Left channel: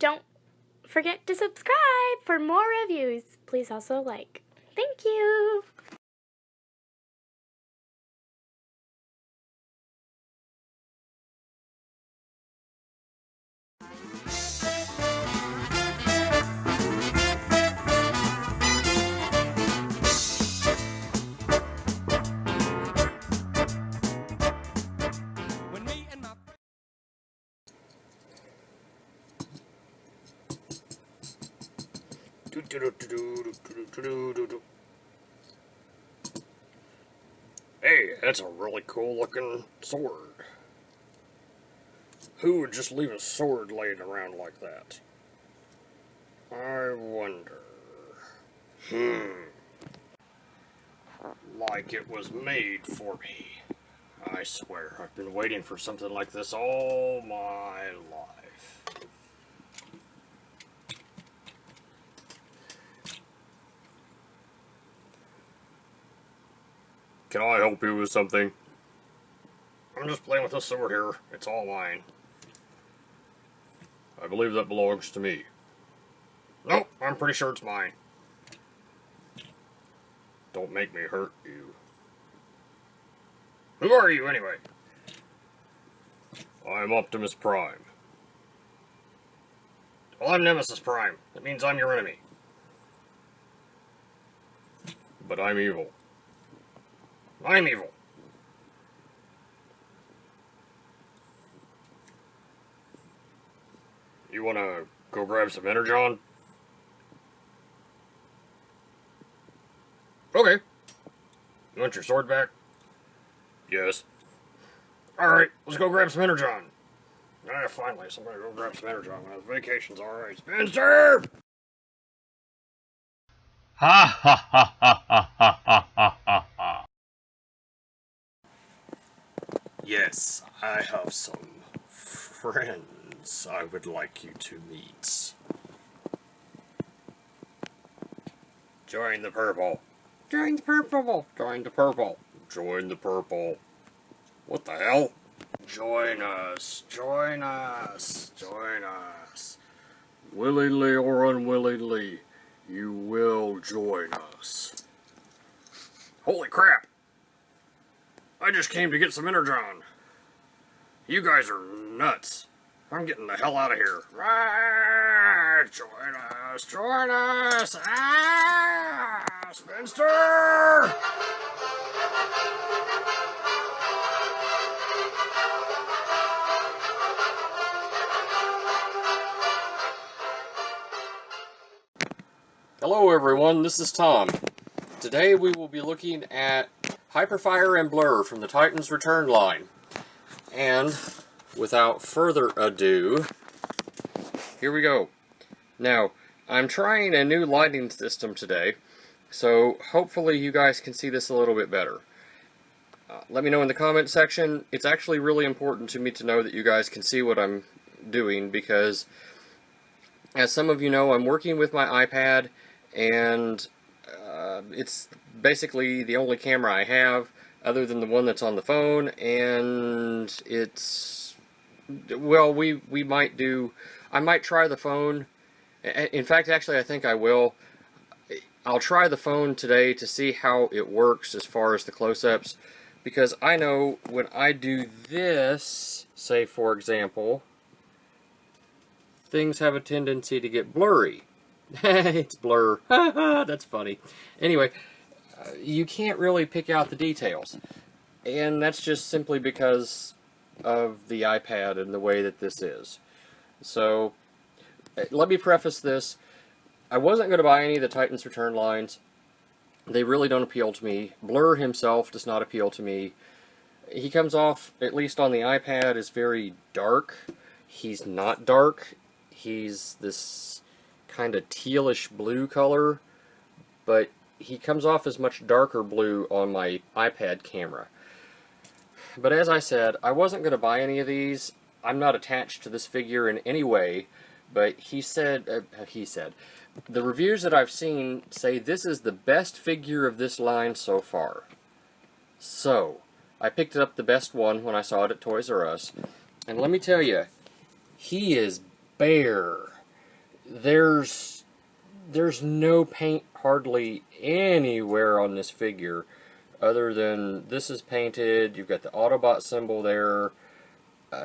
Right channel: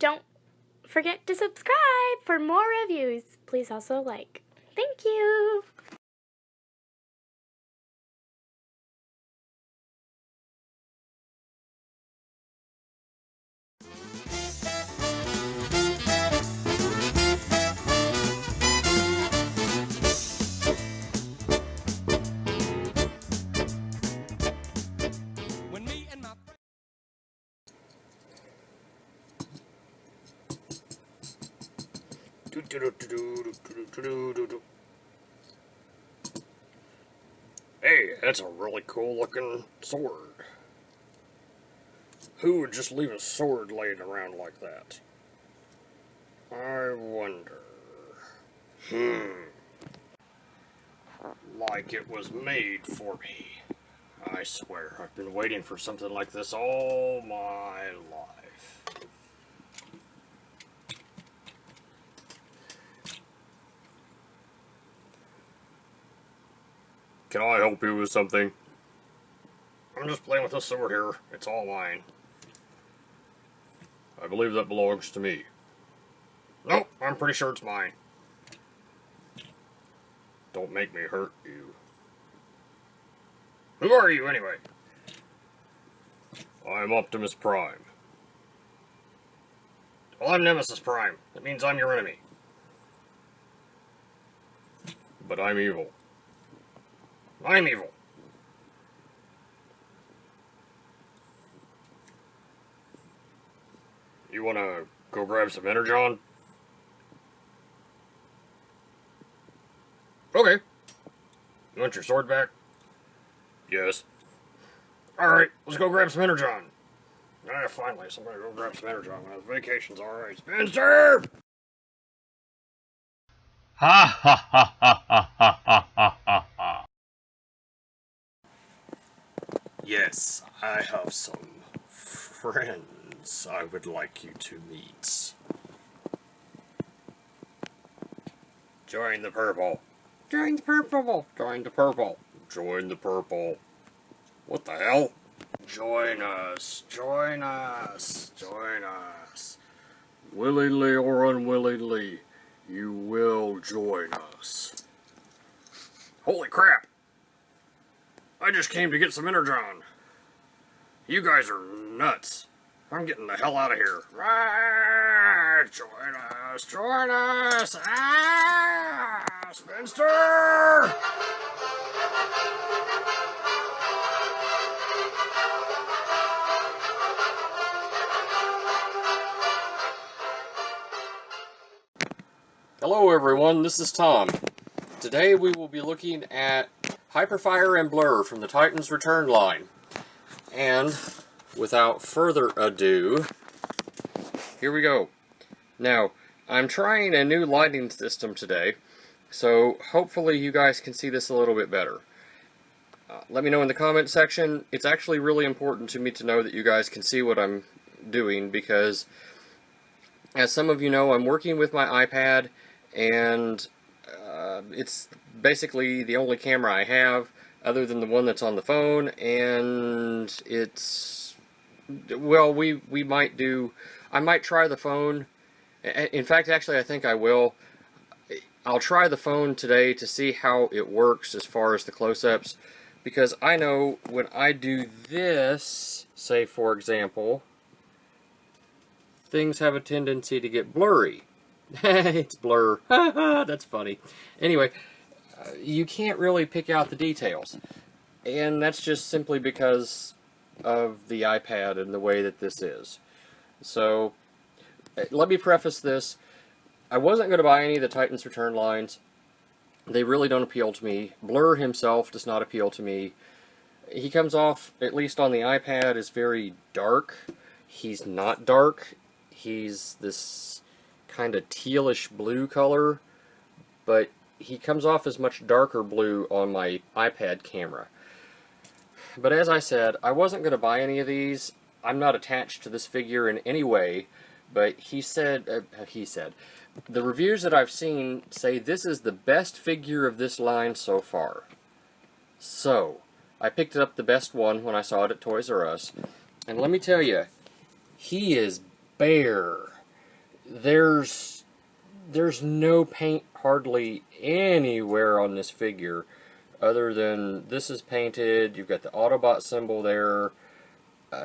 don't forget to subscribe for more reviews. Please also like. Thank you! Hey, that's a really cool looking sword. Who would just leave a sword laying around like that? I wonder. Like it was made for me. I swear, I've been waiting for something like this all my life. Can I help you with something? I'm just playing with this sword here. It's all mine. I believe that belongs to me. Nope, I'm pretty sure it's mine. Don't make me hurt you. Who are you, anyway? I'm Optimus Prime. Well, I'm Nemesis Prime. That means I'm your enemy. But I'm evil. I'm evil. You wanna go grab some Energon? Okay. You want your sword back? Yes. Alright, let's go grab some Energon. Ah, finally, somebody go grab some Energon. My vacation's alright. Spencer! Ha ha ha ha ha ha ha ha ha. Yes, I have some friends I would like you to meet. Join the purple. Join the purple. Join the purple. Join the purple. What the hell? Join us. Join us. Join us. Willingly or unwillingly, you will join us. Holy crap! I just came to get some Energon. You guys are nuts. I'm getting the hell out of here. Ah, join us, join us. Ah, Spencer! Hello everyone, this is Tom. Today we will be looking at Hyperfire and Blur from the Titans Return line. And without further ado, here we go. Now, I'm trying a new lighting system today, so hopefully you guys can see this a little bit better. Let me know in the comment section. It's actually really important to me to know that you guys can see what I'm doing, because as some of you know, I'm working with my iPad, and it's basically the only camera I have other than the one that's on the phone, and it's, well, I might try the phone. In fact, actually, I think I will. I'll try the phone today to see how it works as far as the close-ups, because I know when I do this, say for example, things have a tendency to get blurry. It's blur. That's funny. Anyway, you can't really pick out the details. And that's just simply because of the iPad and the way that this is. So, let me preface this. I wasn't going to buy any of the Titans Return lines. They really don't appeal to me. Blur himself does not appeal to me. He comes off, at least on the iPad, as very dark. He's not dark. He's this kind of tealish blue color, but he comes off as much darker blue on my iPad camera. But as I said, I wasn't going to buy any of these. I'm not attached to this figure in any way, but he said, the reviews that I've seen say this is the best figure of this line so far. So, I picked up the best one when I saw it at Toys R Us, and let me tell you, he is bare. there's no paint hardly anywhere on this figure other than this is painted. You've got the Autobot symbol there.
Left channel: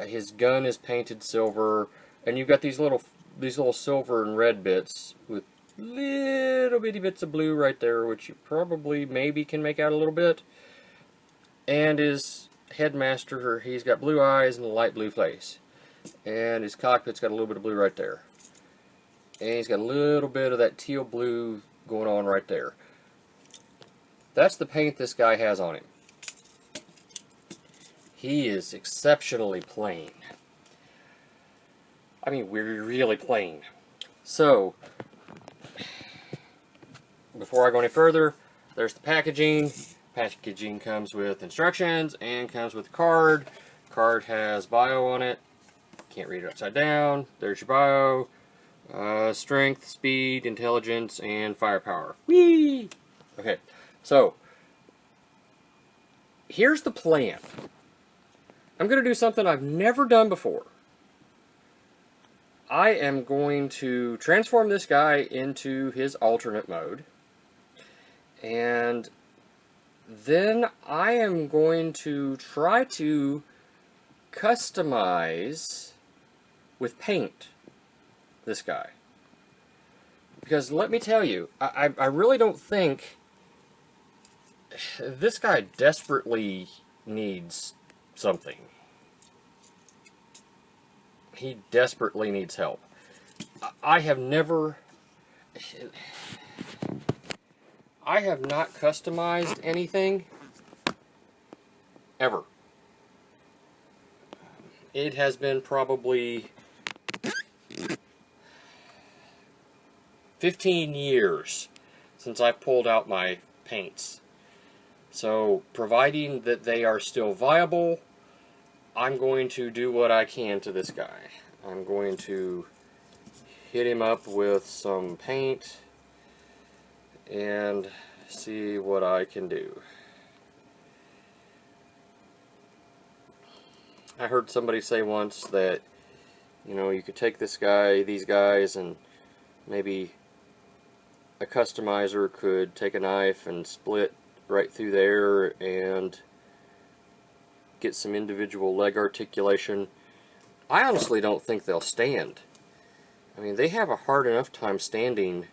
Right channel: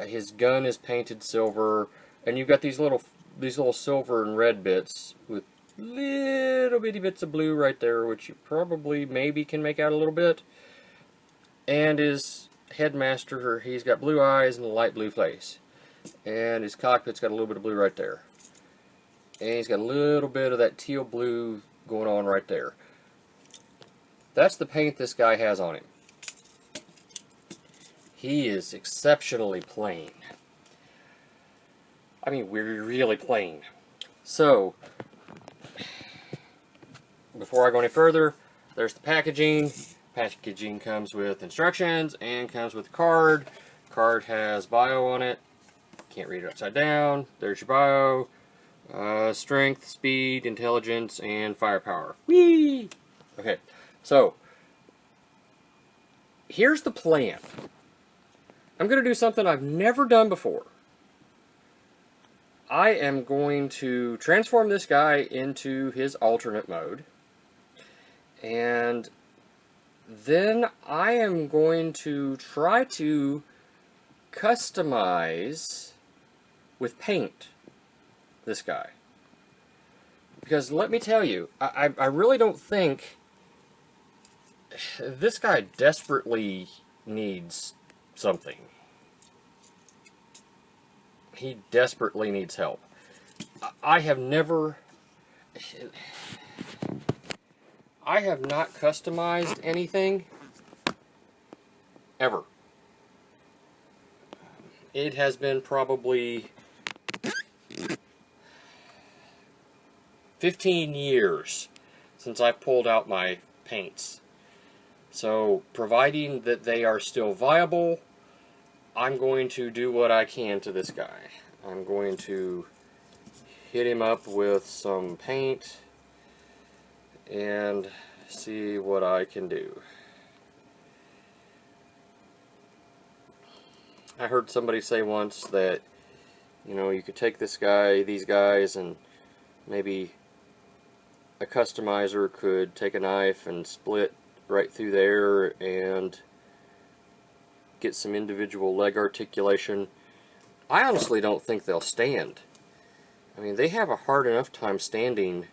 His gun is painted silver, and you've got these little silver and red bits with little bitty bits of blue right there, which you probably maybe can make out a little bit. And his headmaster, he's got blue eyes and a light blue face, and his cockpit's got a little bit of blue right there. And he's got a little bit of that teal blue going on right there. That's the paint this guy has on him. He is exceptionally plain. I mean, we're really plain. So, before I go any further, there's the packaging. Packaging comes with instructions and comes with a card. Card has bio on it. Can't read it upside down. There's your bio. Strength, speed, intelligence, and firepower. Whee! Okay, so here's the plan. I'm going to do something I've never done before. I am going to transform this guy into his alternate mode. And then I am going to try to customize with paint this guy. Because let me tell you, I really don't think this guy desperately needs something. He desperately needs help. I have not customized anything ever. It has been probably 15 years since I've pulled out my paints. So, providing that they are still viable, I'm going to do what I can to this guy. I'm going to hit him up with some paint and see what I can do. I heard somebody say once that, you know, you could take these guys, and maybe a customizer could take a knife and split right through there and get some individual leg articulation. I honestly don't think they'll stand. I mean, they have a hard enough time standing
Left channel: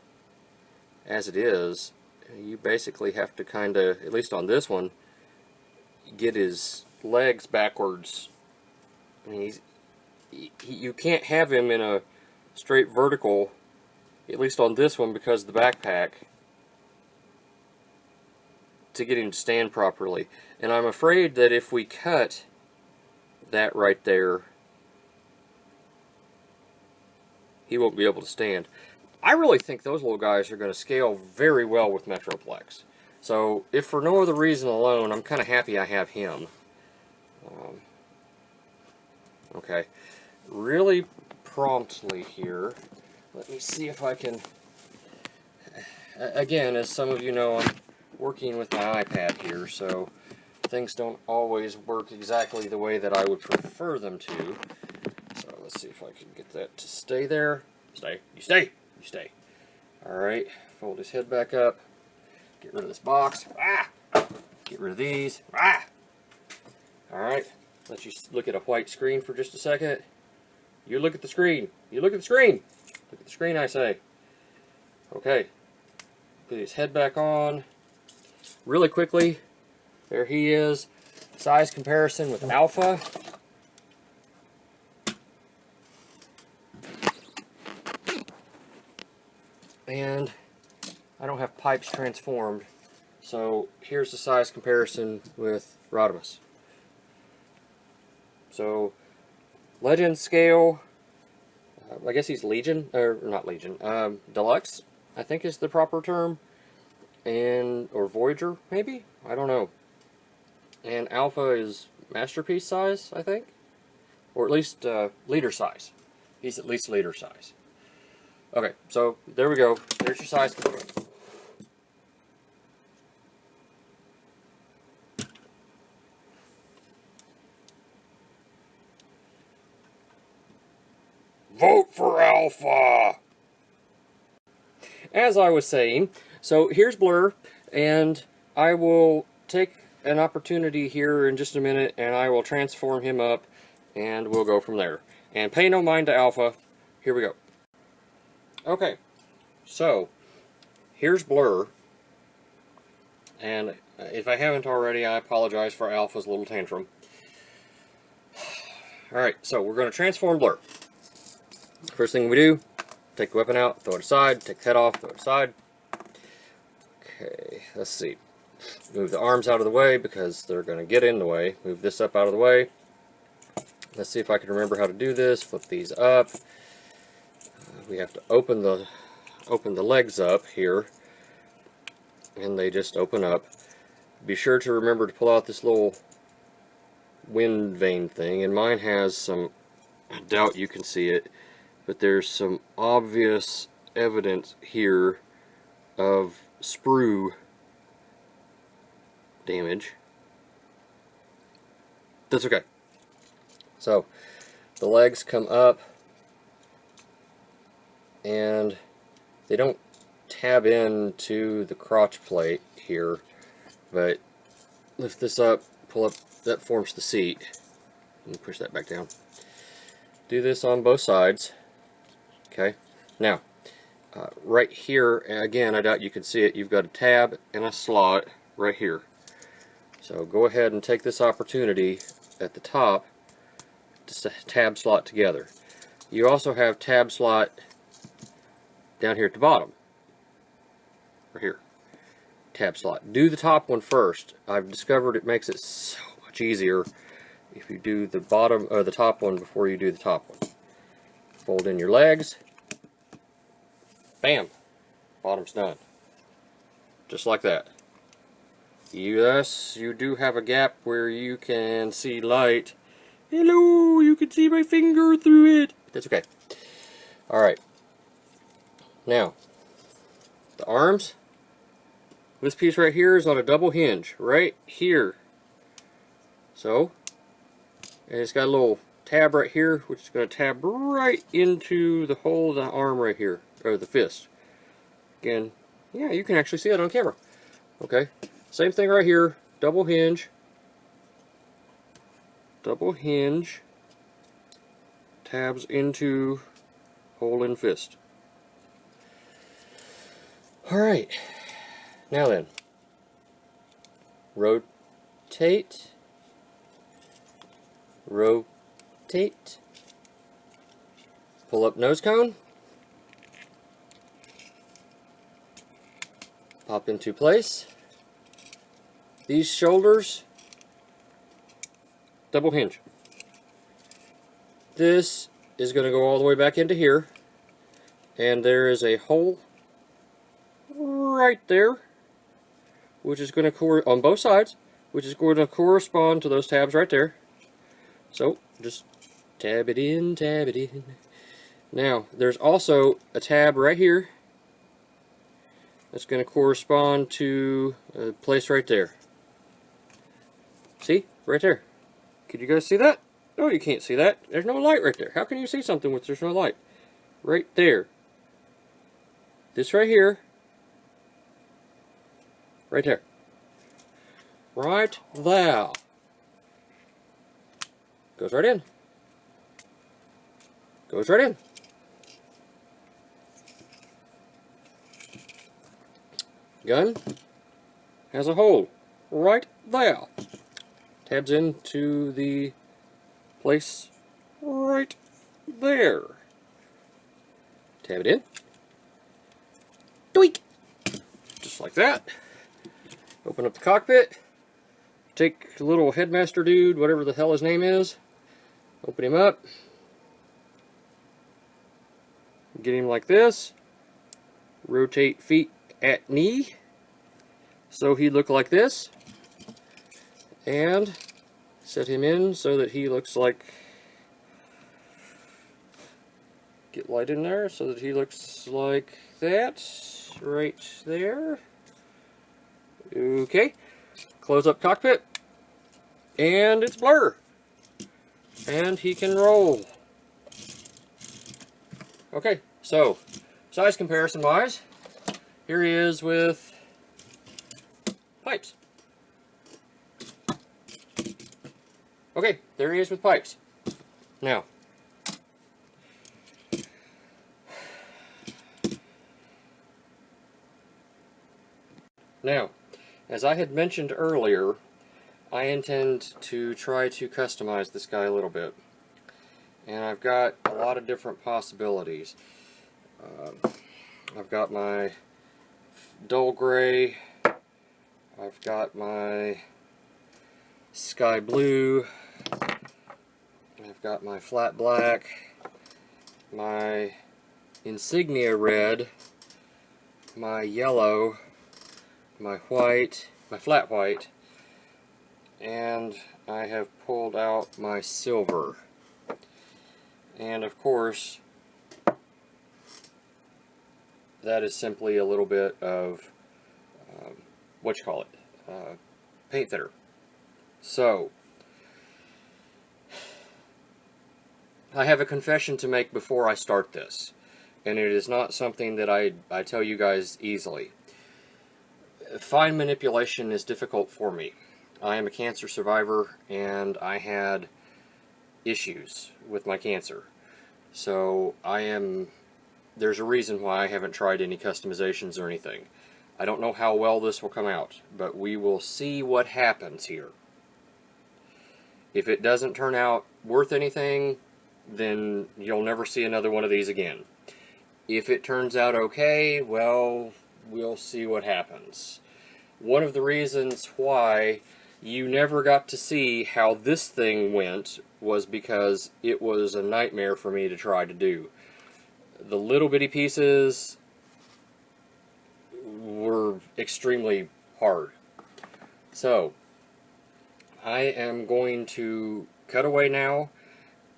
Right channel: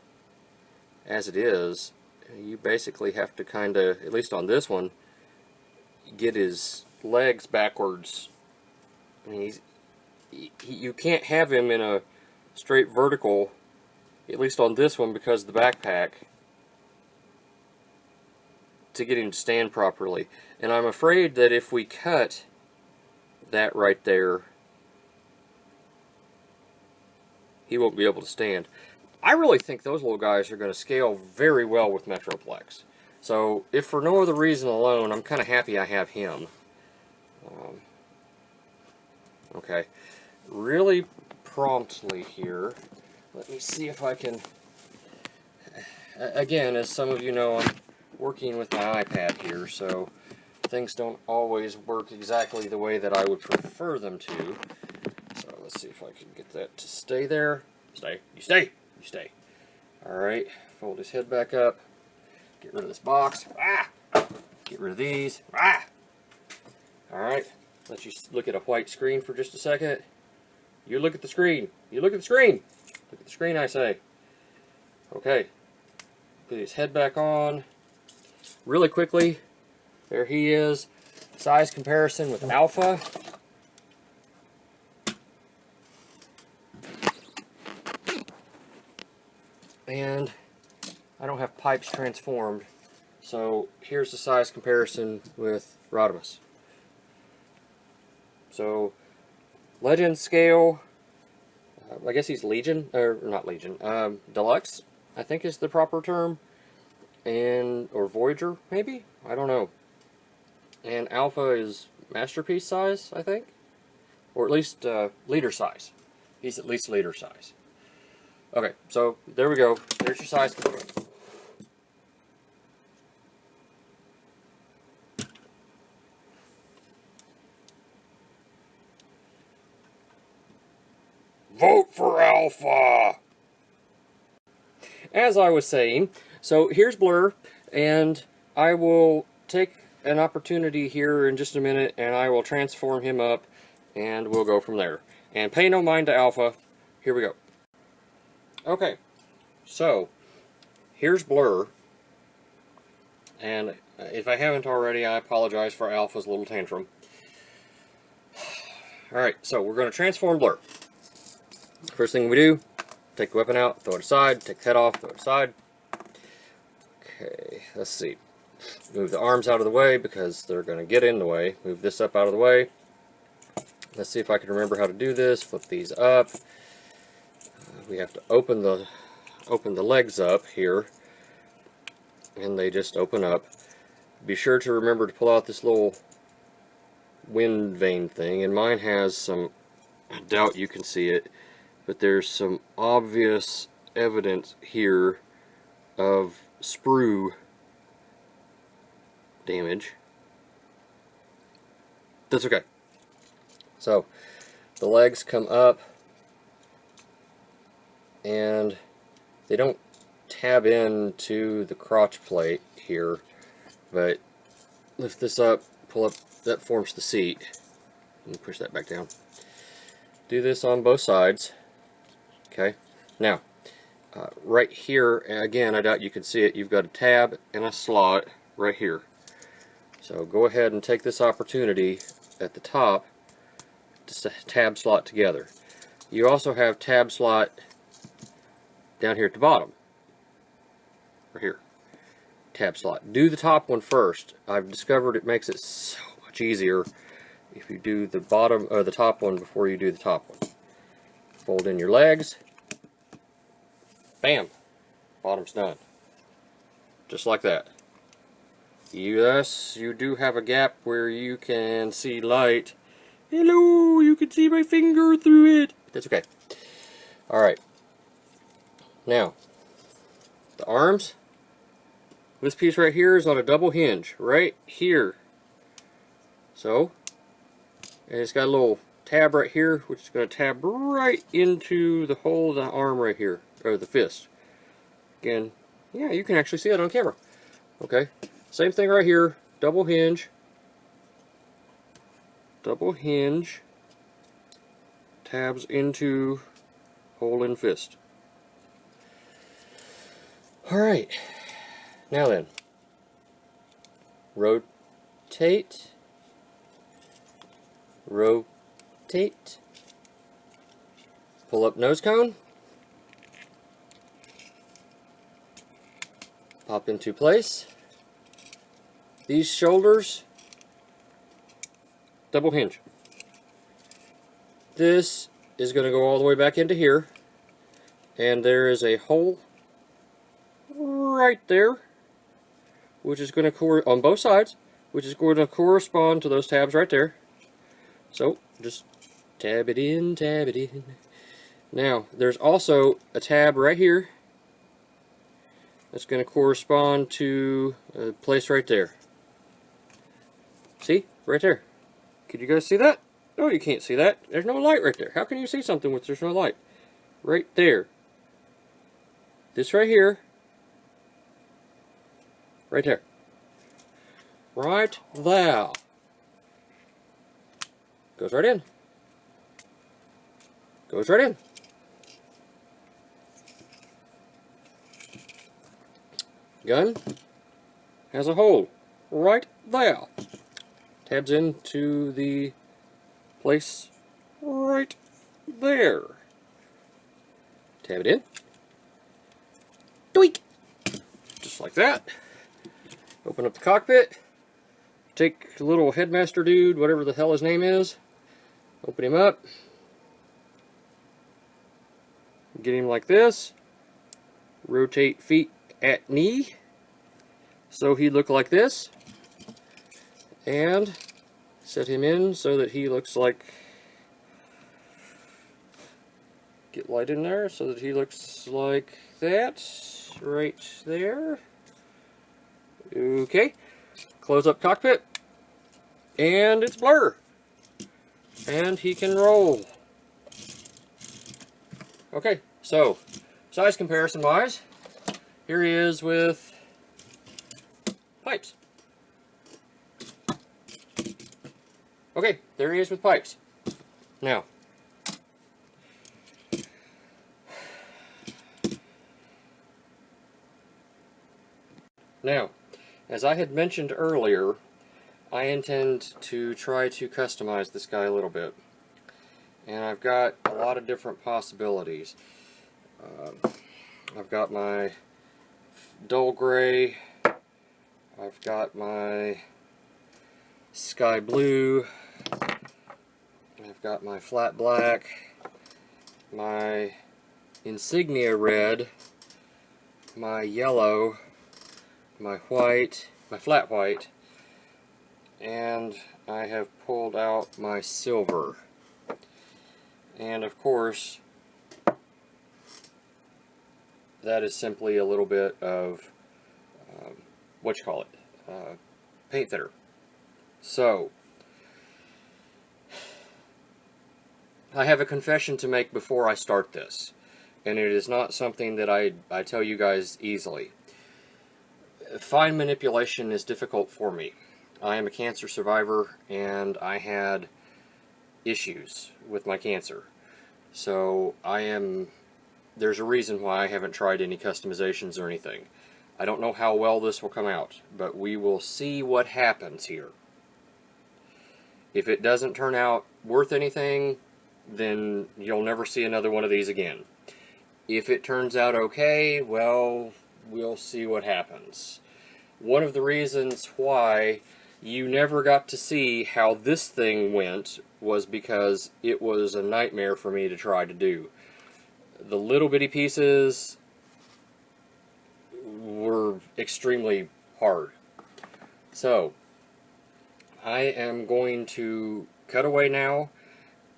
as it is. You basically have to kind of, at least on this one, get his legs backwards. I mean, you can't have him in a straight vertical, at least on this one, because of the backpack, to get him to stand properly. And I'm afraid that if we cut that right there, he won't be able to stand. I really think those little guys are going to scale very well with Metroplex. So, if for no other reason alone, I'm kind of happy I have him. Okay, really promptly here, let me see if I can, again, as some of you know, I'm working with my iPad here, so things don't always work exactly the way that I would prefer them to. So let's see if I can get that to stay there. Stay. You stay. You stay. Alright, fold his head back up. Get rid of this box. Ah! Get rid of these. Ah! Alright, let you look at a white screen for just a second. You look at the screen. You look at the screen. Look at the screen, I say. Okay. Put his head back on. Really quickly, there he is. Size comparison with Alpha. And I don't have pipes transformed, so here's the size comparison with Rodimus. So, Legend scale, I guess he's Legion, or not Legion, Deluxe, I think is the proper term, or Voyager, maybe? I don't know. And Alpha is Masterpiece size, I think? Or at least leader size. He's at least leader size. Okay, so there we go. There's your size comparison. Vote for Alpha! as I was saying, so here's Blurr, and I will take an opportunity here in just a minute, and I will transform him up, and we'll go from there. And pay no mind to Alpha. Here we go. Okay, so here's Blurr, and if I haven't already, I apologize for Alpha's little tantrum. Alright, so we're going to transform Blurr. First thing we do, take the weapon out, throw it aside, take the head off, throw it aside. Okay, let's see. Move the arms out of the way because they're going to get in the way. Move this up out of the way. Let's see if I can remember how to do this. Flip these up. We have to open the legs up here, and they just open up. Be sure to remember to pull out this little wind vane thing, and mine has some, I doubt you can see it, but there's some obvious evidence here of sprue damage. That's okay. So the legs come up, and they don't tab into the crotch plate here, but lift this up, pull up, that forms the seat. Let me push that back down. Do this on both sides. Okay, now right here, again, I doubt you can see it, you've got a tab and a slot right here. So go ahead and take this opportunity at the top to tab slot together. You also have tab slot down here at the bottom. Right here. Tab slot. Do the top one first. I've discovered it makes it so much easier if you do the bottom or the top one before you do the top one. Fold in your legs. Bam. Bottom's done. Just like that. Yes, you do have a gap where you can see light. Hello, you can see my finger through it. That's okay. Alright. Now, the arms. This piece right here is on a double hinge. Right here. So, and it's got a little tab right here, which is going to tab right into the hole of the arm right here. Or the fist. Again, yeah, you can actually see that on camera. Okay. Same thing right here, double hinge, tabs into hole in fist. Alright, now then, rotate, pull up nose cone, pop into place. These shoulders, double hinge. This is going to go all the way back into here, and there is a hole right there, which is going to on both sides, which is going to correspond to those tabs right there. So just tab it in, tab it in. Now there's also a tab right here that's going to correspond to a place right there. See? Right there. Could you guys see that? No, you can't see that. There's no light right there. How can you see something with there's no light? Right there. This right here. Right there. Right there. Goes right in. Goes right in. Gun has a hole right there. Tabs into the place right there. Tab it in. Doink! Just like that. Open up the cockpit. Take the little headmaster dude, whatever the hell his name is. Open him up. Get him like this. Rotate feet at knee. So he look like this. And set him in so that he looks like, get light in there so that he looks like that right there. Okay, close up cockpit, and it's Blurr, and he can roll. Okay, so size comparison wise, here he is with pipes. Okay, there he is with pipes. Now, as I had mentioned earlier, I intend to try to customize this guy a little bit. And I've got a lot of different possibilities. I've got my dull gray, I've got my sky blue, I've got my flat black, my insignia red, my yellow, my white, my flat white, and I have pulled out my silver. And of course, that is simply a little bit of paint thinner. So I have a confession to make before I start this, and it is not something that I tell you guys easily. Fine manipulation is difficult for me. I am a cancer survivor, and I had issues with my cancer. So there's a reason why I haven't tried any customizations or anything. I don't know how well this will come out, but we will see what happens here. If it doesn't turn out worth anything, then you'll never see another one of these again. If it turns out okay, well, we'll see what happens. One of the reasons why you never got to see how this thing went was because it was a nightmare for me to try to do. The little bitty pieces were extremely hard. So, I am going to cut away now,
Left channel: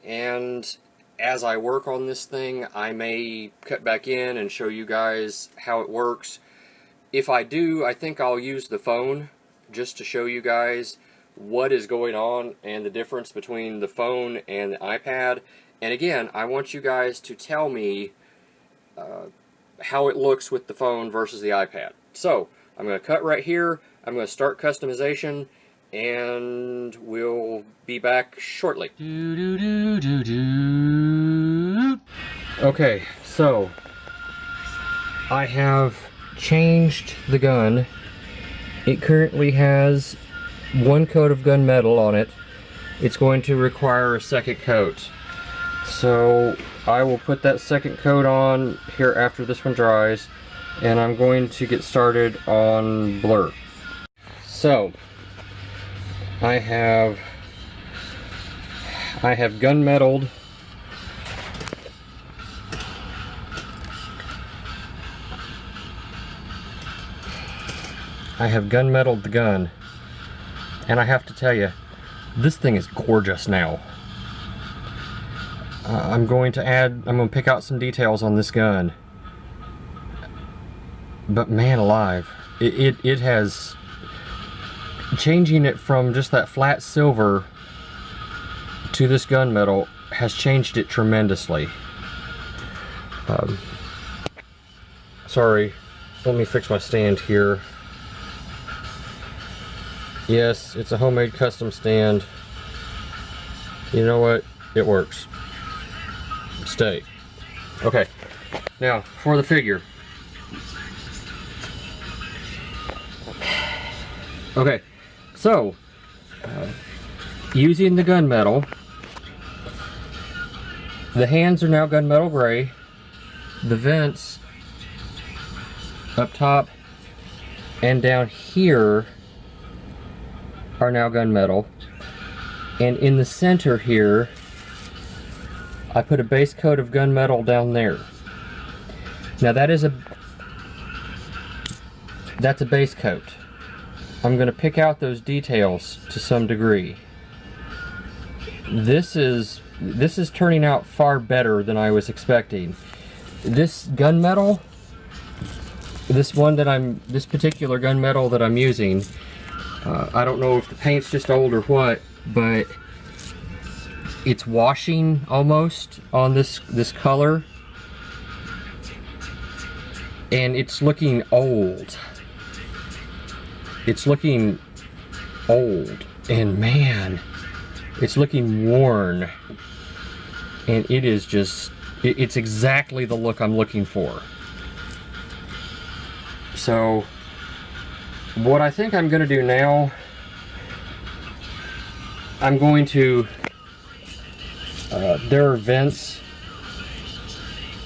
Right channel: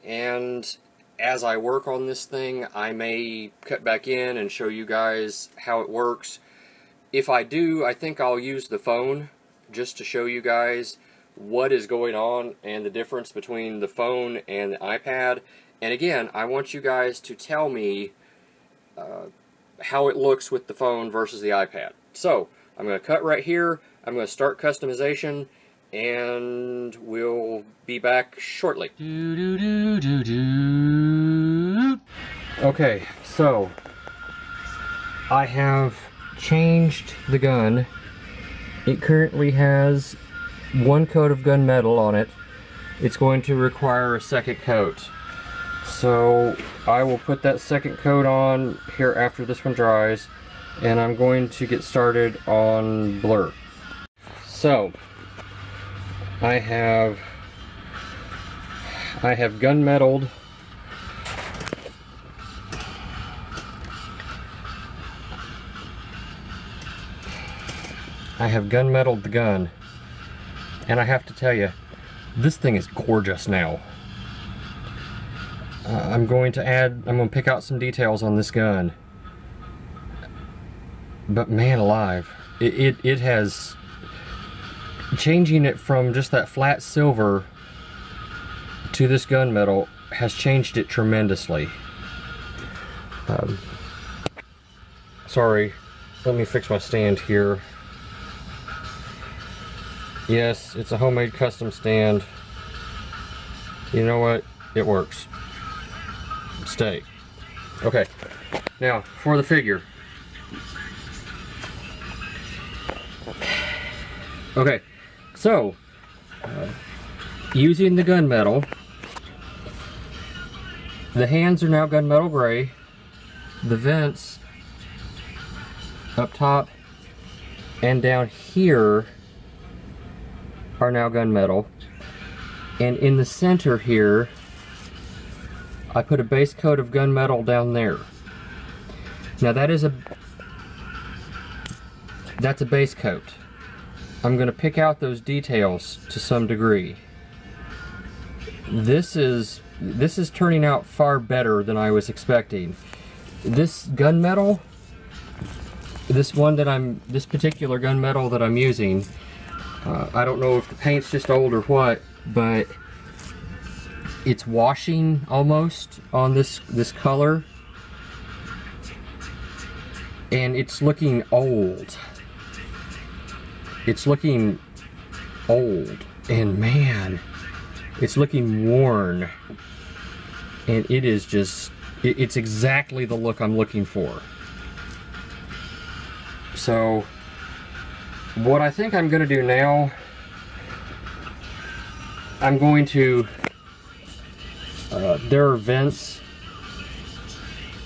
and as I work on this thing, I may cut back in and show you guys how it works. If I do, I think I'll use the phone just to show you guys what is going on and the difference between the phone and the iPad. And again, I want you guys to tell me how it looks with the phone versus the iPad. So, I'm going to cut right here, I'm going to start customization, and we'll be back shortly. Okay, so I have changed the gun. It currently has one coat of gunmetal on it. It's going to require a second coat. So I will put that second coat on here after this one dries, and I'm going to get started on Blur. So I have gunmetaled the gun, and I have to tell you, this thing is gorgeous now. I'm going to pick out some details on this gun, but man alive, it has, changing it from just that flat silver to this gunmetal has changed it tremendously. Sorry, let me fix my stand here. Yes, it's a homemade custom stand. You know what? It works. Stay. Okay, now for the figure. Okay, so using the gunmetal, the hands are now gunmetal gray. The vents up top and down here are now gunmetal, and in the center here I put a base coat of gunmetal down there. Now that's a base coat. I'm going to pick out those details to some degree. This is turning out far better than I was expecting. This gunmetal, this particular gunmetal that I'm using, I don't know if the paint's just old or what, but it's washing almost on this color, and it's looking old. It's looking old, and man, it's looking worn, and it is just, it's exactly the look I'm looking for. So what I think I'm going to do now, I'm going to, there are vents,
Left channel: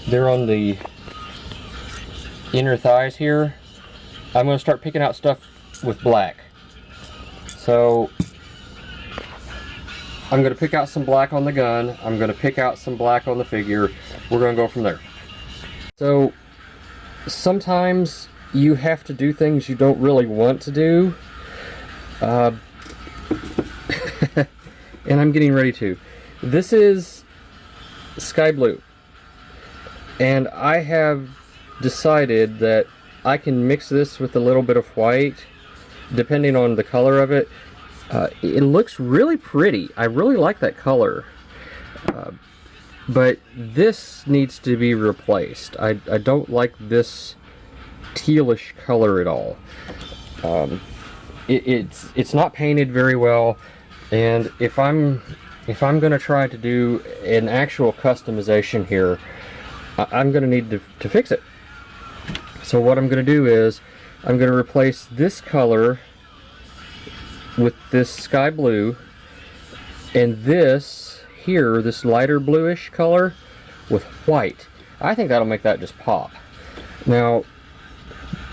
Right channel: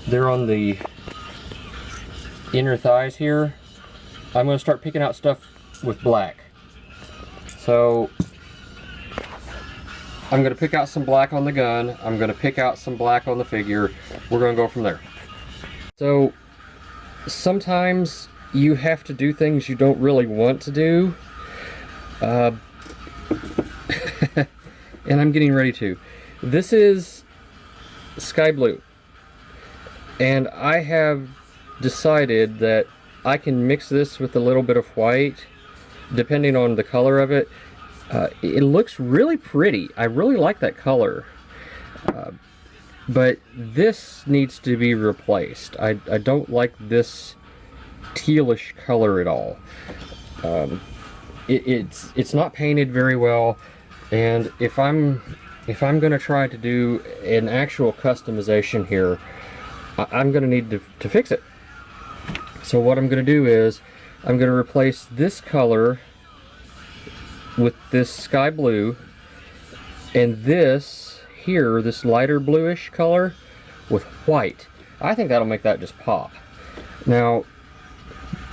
they're on the inner thighs here. I'm going to start picking out stuff with black. So I'm going to pick out some black on the gun, I'm going to pick out some black on the figure, we're going to go from there. So sometimes you have to do things you don't really want to do, and I'm getting ready to. This is sky blue, and I have decided that I can mix this with a little bit of white depending on the color of it. It looks really pretty. I really like that color, but this needs to be replaced. I don't like this tealish color at all. It's not painted very well, and if I'm going to try to do an actual customization here, I'm going to need to fix it. So what I'm going to do is I'm going to replace this color with this sky blue, and this here, this lighter bluish color, with white. I think that'll make that just pop. Now,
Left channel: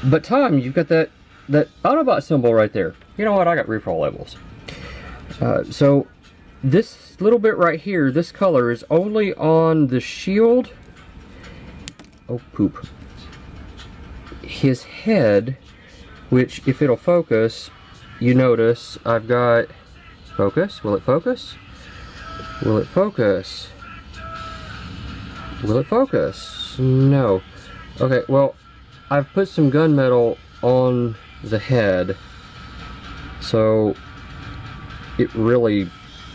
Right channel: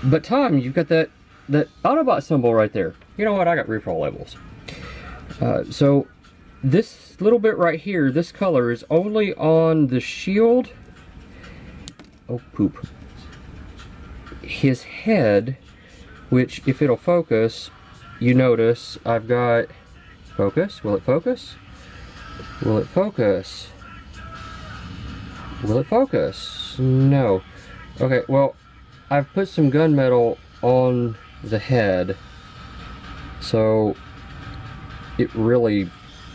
but Tom, you've got that Autobot symbol right there. You know what? I got refill labels. So this little bit right here, this color is only on the shield. Oh poop. His head, which if it'll focus, you notice I've got focus. Will it focus? Will it focus? Will it focus? No. Okay, well, I've put some gunmetal on the head, so it really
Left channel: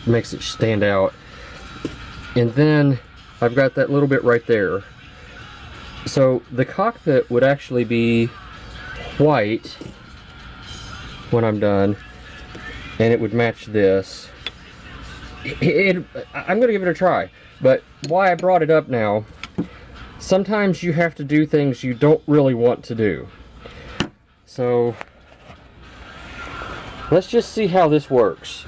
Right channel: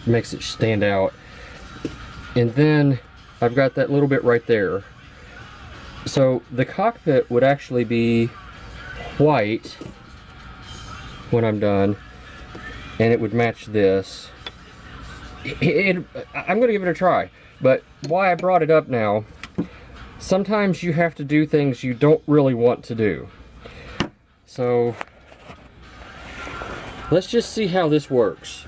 makes it stand out. And then I've got that little bit right there. So the cockpit would actually be white when I'm done, and it would match this. I'm going to give it a try, but why I brought it up now, sometimes you have to do things you don't really want to do. So let's just see how this works.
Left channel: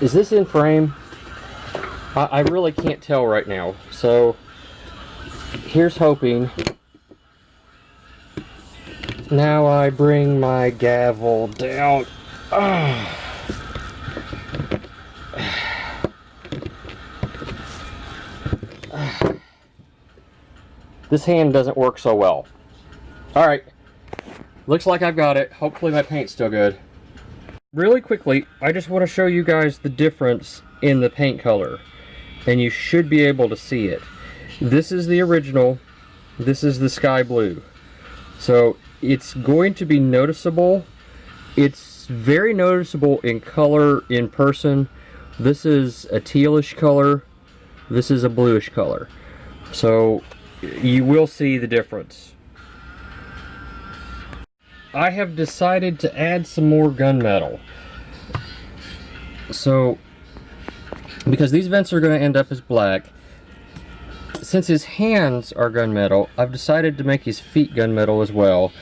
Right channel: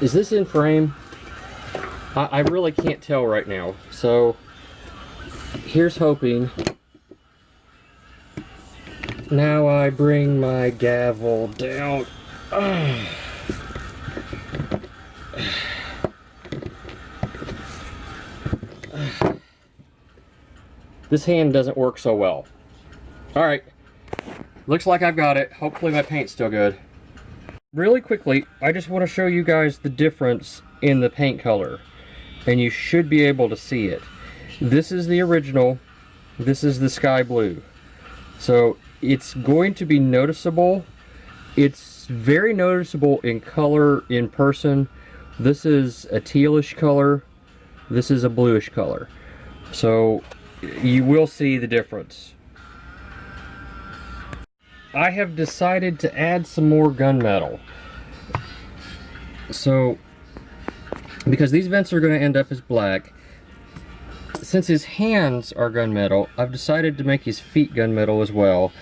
Is this in frame? I really can't tell right now, so here's hoping. Now I bring my gavel down. This hand doesn't work so well. Alright, looks like I've got it. Hopefully my paint's still good. Really quickly, I just want to show you guys the difference in the paint color, and you should be able to see it. This is the original, this is the sky blue. So it's going to be noticeable. It's very noticeable in color in person. This is a tealish color, this is a bluish color. So you will see the difference. I have decided to add some more gunmetal. So, because these vents are going to end up as black, since his hands are gunmetal, I've decided to make his feet gunmetal as well.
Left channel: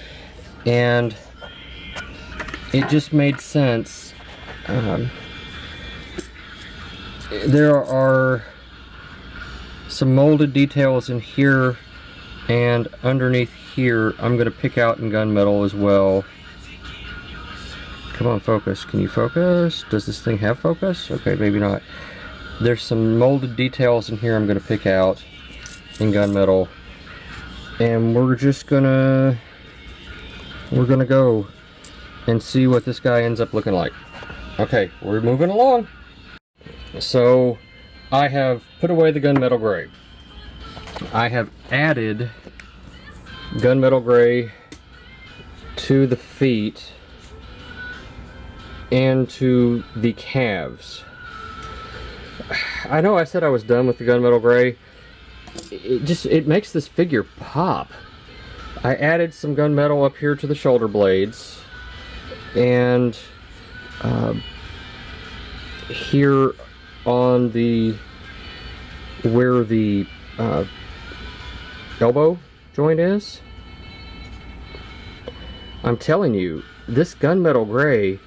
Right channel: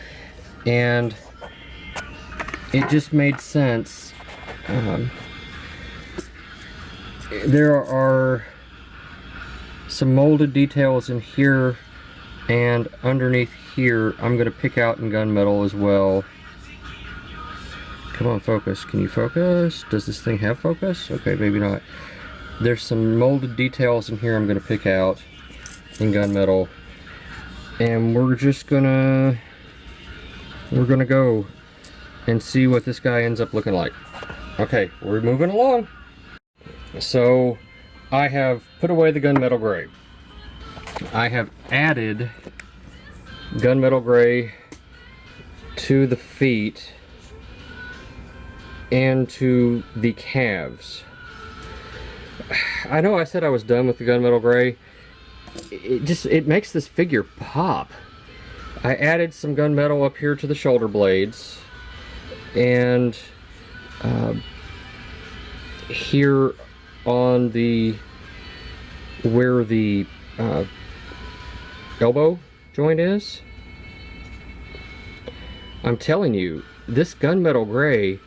And it just made sense. There are some molded details in here and underneath here. I'm going to pick out in gunmetal as well. Come on, focus. Can you focus? Does this thing have focus? Okay, maybe not. There's some molded details in here I'm going to pick out in gunmetal, and we're gonna go and see what this guy ends up looking like. Okay, we're moving along. So I have put away the gunmetal gray. I have added gunmetal gray to the feet and to the calves. I know I said I was done with the gunmetal gray. it makes this figure pop. I added some gunmetal up here to the shoulder blades, and here on the where the elbow joint is. I'm telling you, this gunmetal gray,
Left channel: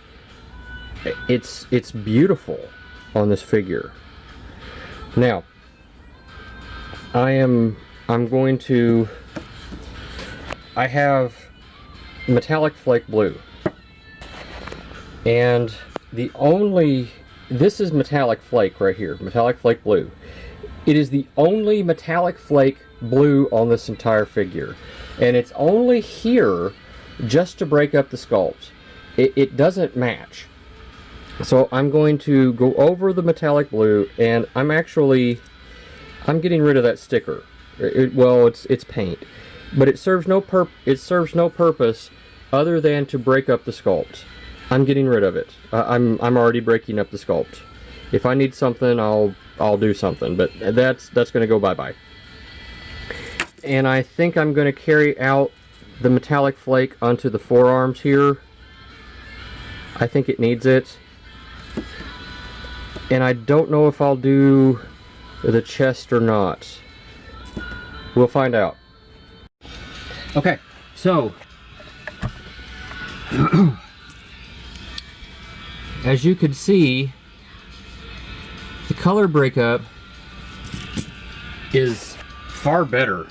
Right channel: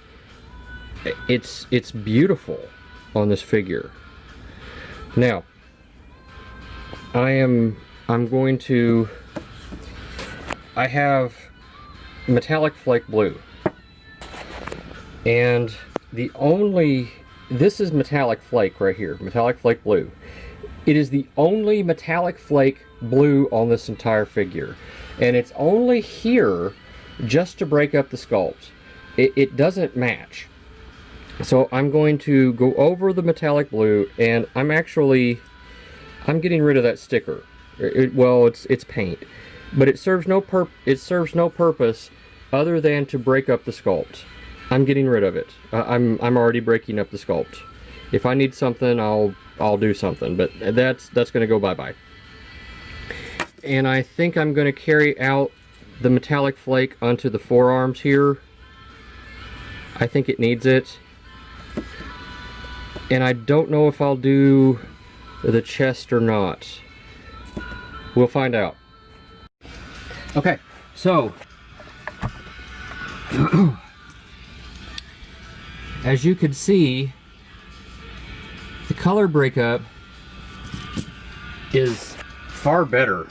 it's beautiful on this figure. Now, I'm going to, I have metallic flake blue, and this is metallic flake right here, metallic flake blue. It is the only metallic flake blue on this entire figure, and it's only here just to break up the sculpt. It doesn't match. So I'm going to go over the metallic blue, and I'm getting rid of that sticker. Well, it's paint, but it serves no purpose other than to break up the sculpt. I'm getting rid of it. I'm already breaking up the sculpt. If I need something, I'll do something, but that's going to go bye-bye. And I think I'm going to carry out the metallic flake onto the forearms here. I think it needs it. And I don't know if I'll do the chest or not. We'll find out. Okay, so as you can see, the color breakup is far better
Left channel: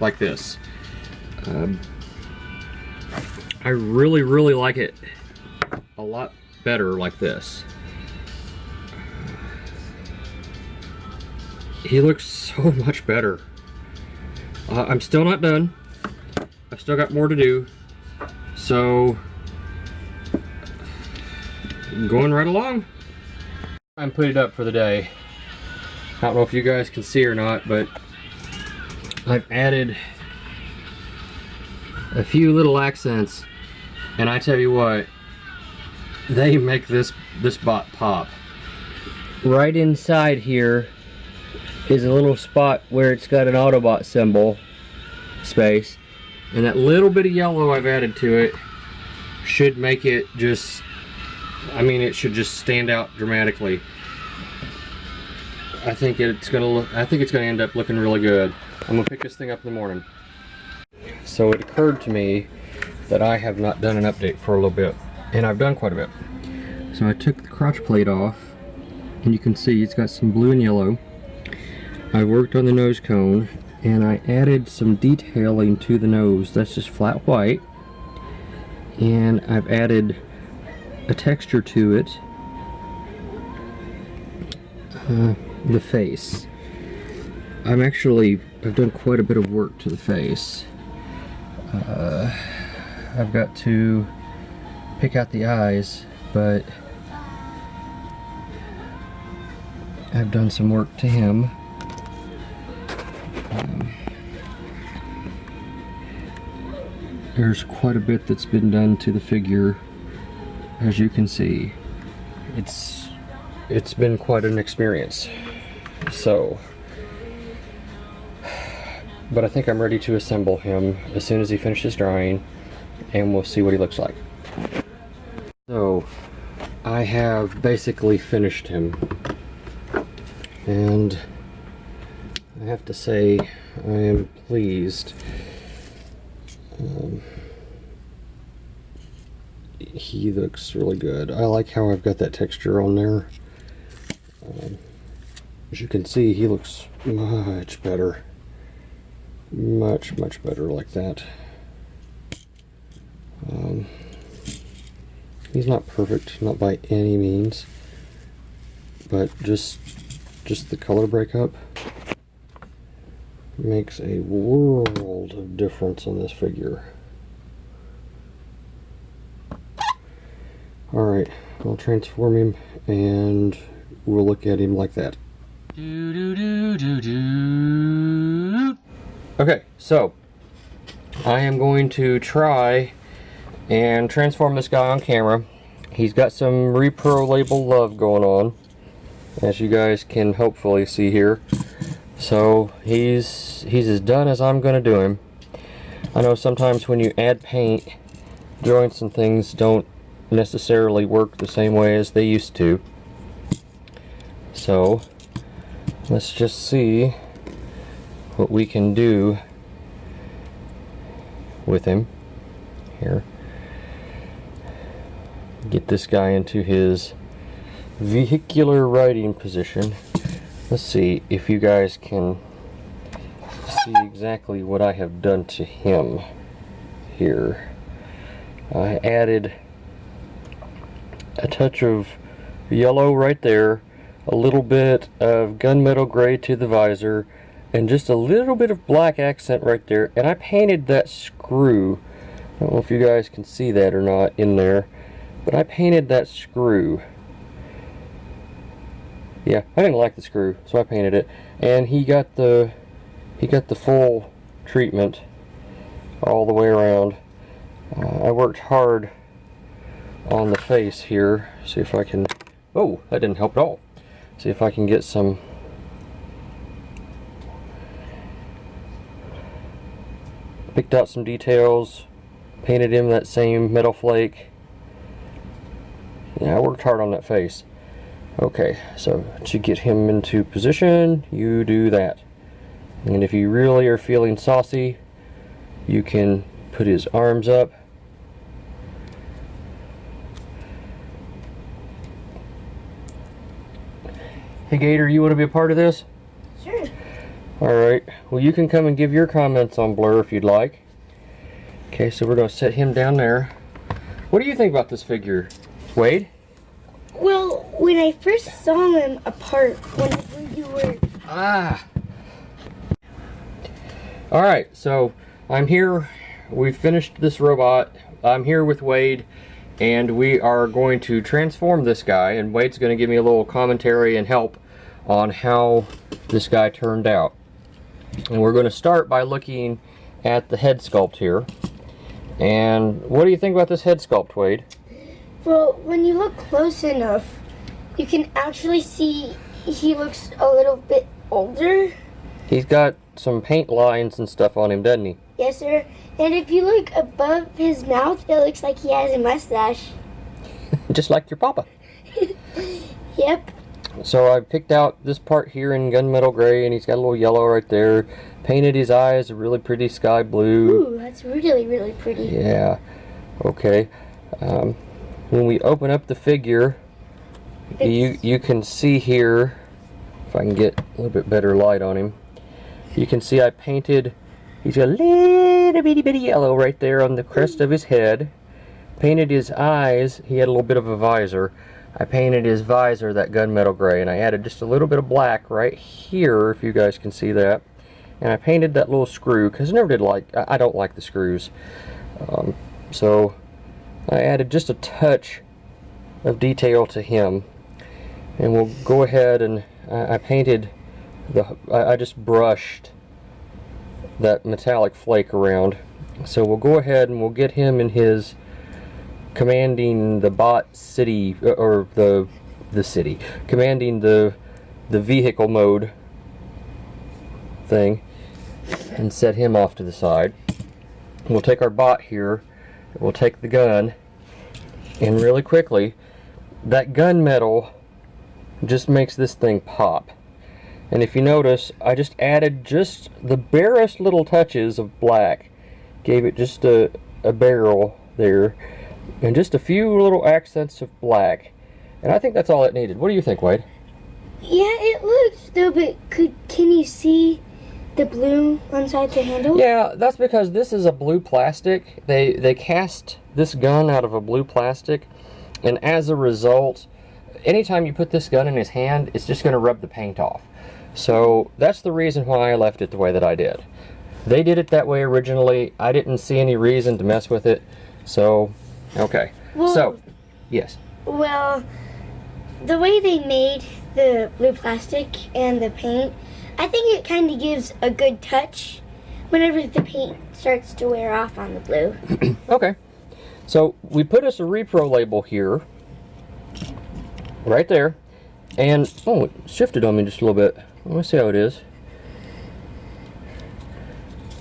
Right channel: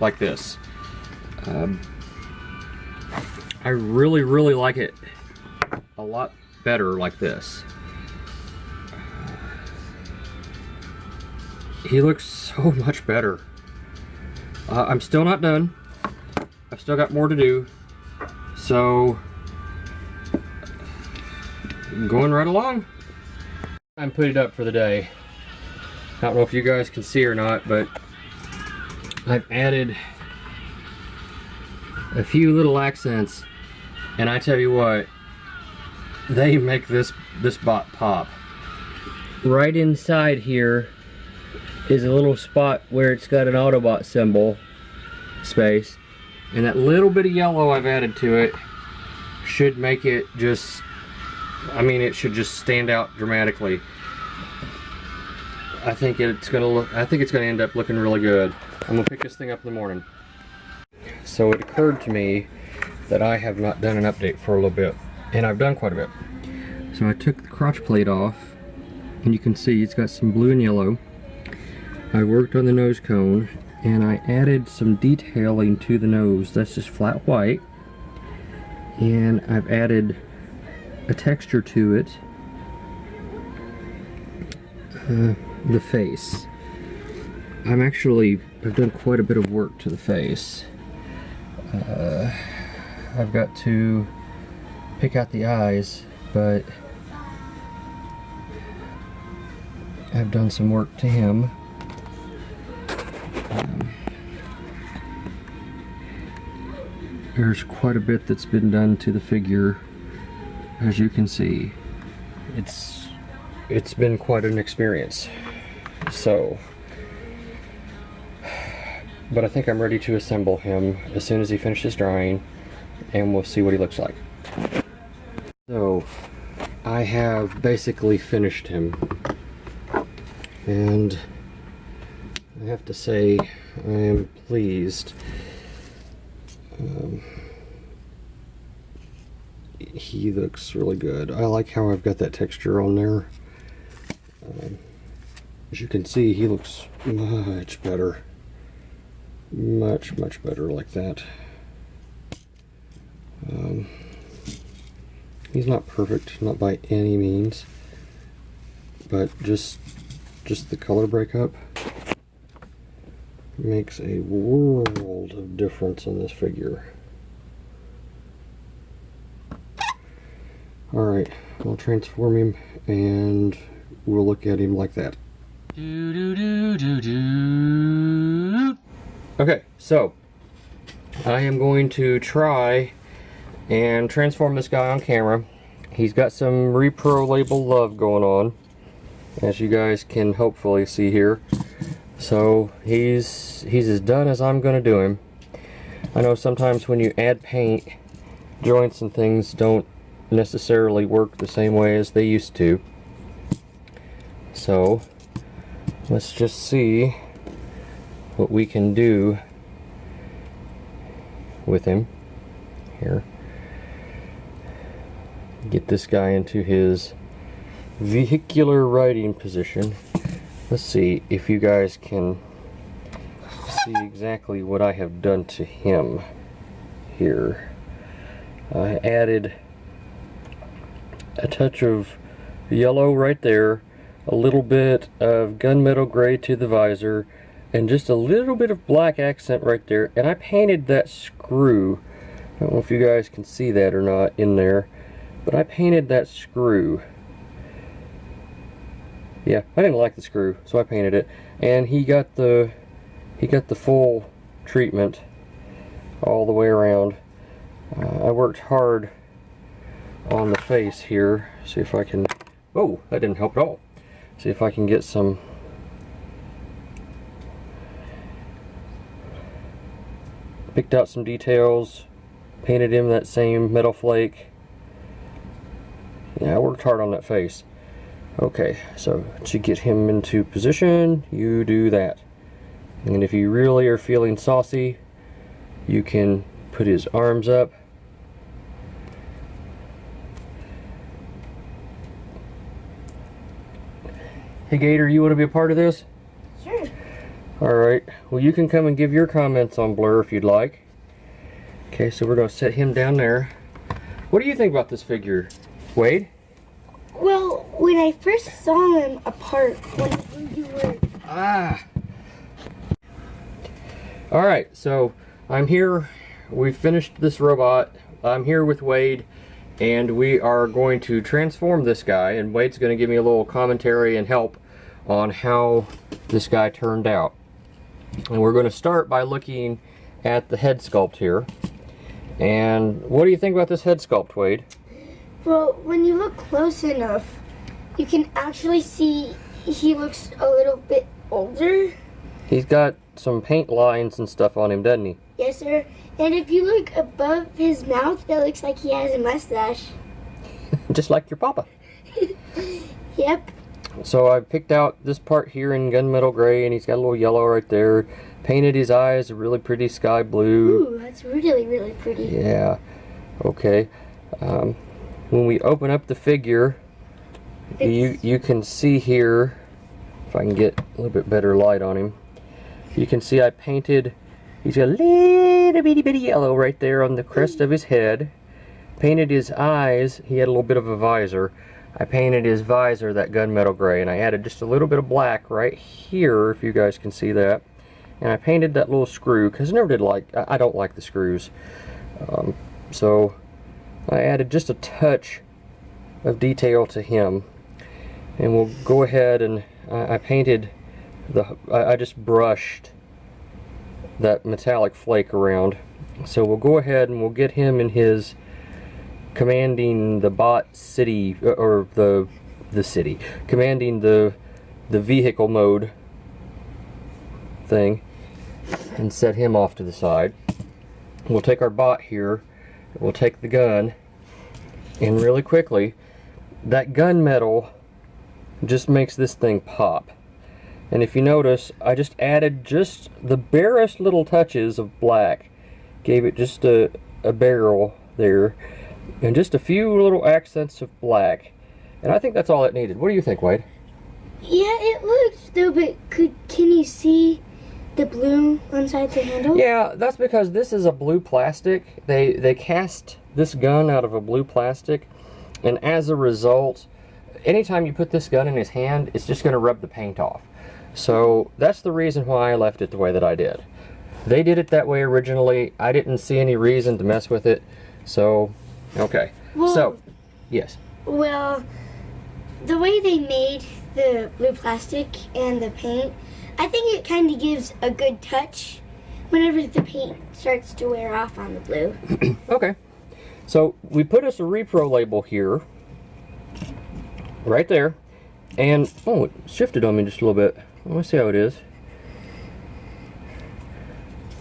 like this. I really like it a lot better like this. He looks so much better. I'm still not done. I've still got more to do. So, I'm going right along. I'm putting it up for the day. I don't know if you guys can see or not, but I've added a few little accents, and I tell you what, they make this bot pop. Right inside here is a little spot where it's got an Autobot symbol space, and that little bit of yellow I've added to it should make it just, I mean, it should just stand out dramatically. I think it's gonna end up looking really good. I'm gonna pick this thing up in the morning. So it occurred to me that I have not done an update for a little bit, and I've done quite a bit. So I took the crotch plate off, and you can see it's got some blue and yellow. I worked on the nose cone, and I added some detailing to the nose. That's just flat white, and I've added a texture to it. The face. I've done quite a bit of work to the face. I've got to pick out the eyes, but I've done some work to him. There's quite a bit that's been done to the figure, as you can see. It's been quite an experience. So, but I think I'm ready to assemble him as soon as he finishes drying, and we'll see what he looks like. So, I have basically finished him, and I have to say I am pleased. He looks really good. I like how I've got that texture on there. As you can see, he looks much better. Much better like that. He's not perfect, not by any means, but just the color breakup makes a world of difference on this figure. Alright, I'll transform him and we'll look at him like that. Okay, so I am going to try and transform this guy on camera. He's got some Repro label love going on, as you guys can hopefully see here. So he's as done as I'm gonna do him. I know sometimes when you add paint, joints and things don't necessarily work the same way as they used to. So let's just see what we can do with him here. Get this guy into his vehicular riding position. Let's see if you guys can see exactly what I have done to him here. I added a touch of yellow right there, a little bit of gunmetal gray to the visor, and just a little bit of black accent right there, and I painted that screw. I don't know if you guys can see that or not in there, but I painted that screw. Yeah, I didn't like the screw, so I painted it, and he got the full treatment all the way around. I worked hard on the face here. See if I can. Oh, that didn't help at all. See if I can get some. Picked out some details, painted him that same metal flake. Yeah, I worked hard on that face. Okay, so to get him into position, you do that. And if you really are feeling saucy, you can put his arms up. Hey Gator, you want to be a part of this? Sure. Alright, well you can come and give your comments on Blur if you'd like. Okay, so we're going to set him down there. What do you think about this figure, Wade? Well, when I first saw them apart, whenever you were... Alright, so I'm here. We've finished this robot. I'm here with Wade, and we are going to transform this guy, and Wade's going to give me a little commentary and help on how this guy turned out. And we're going to start by looking at the head sculpt here. And what do you think about this head sculpt, Wade? Well, when you look close enough, you can actually see he looks a little bit older. He's got some paint lines and stuff on him, doesn't he? Yes, sir. And if you look above his mouth, it looks like he has a mustache. Just like your papa. Yep. So I picked out this part here in gunmetal gray, and he's got a little yellow right there. Painted his eyes a really pretty sky blue. Ooh, that's really, really pretty. Yeah. Okay. When we open up the figure, you can see here, if I can get a little bit better light on him, you can see I painted, he's got a little bitty yellow right there on the crest of his head. Painted his eyes, he had a little bit of a visor. I painted his visor that gunmetal gray, and I added just a little bit of black right here, if you guys can see that. And I painted that little screw, because I don't like the screws. So I added just a touch of detail to him. And we'll go ahead and I painted I just brushed that metallic flake around. So we'll go ahead and we'll get him in his commanding the bot city, or the city, commanding the vehicle mode thing, and set him off to the side. We'll take our bot here, we'll take the gun, and really quickly, that gunmetal just makes this thing pop. And if you notice, I just added just the barest little touches of black, gave it just a barrel there, and just a few little accents of black, and I think that's all it needed. What do you think, Wade? Yeah, it looks though, but can you see the blue inside the handle? Yeah, that's because this is a blue plastic. They cast this gun out of a blue plastic, and as a result, anytime you put this gun in his hand, it's just going to rub the paint off. So that's the reason why I left it the way that I did. They did it that way originally. I didn't see any reason to mess with it. So, okay. Well, so, yes. Well, the way they made the blue plastic and the paint, I think it kind of gives a good touch whenever the paint starts to wear off on the blue. Okay. So we put us a repro label here, right there, and oh, it shifted on me just a little bit. Let me see how it is.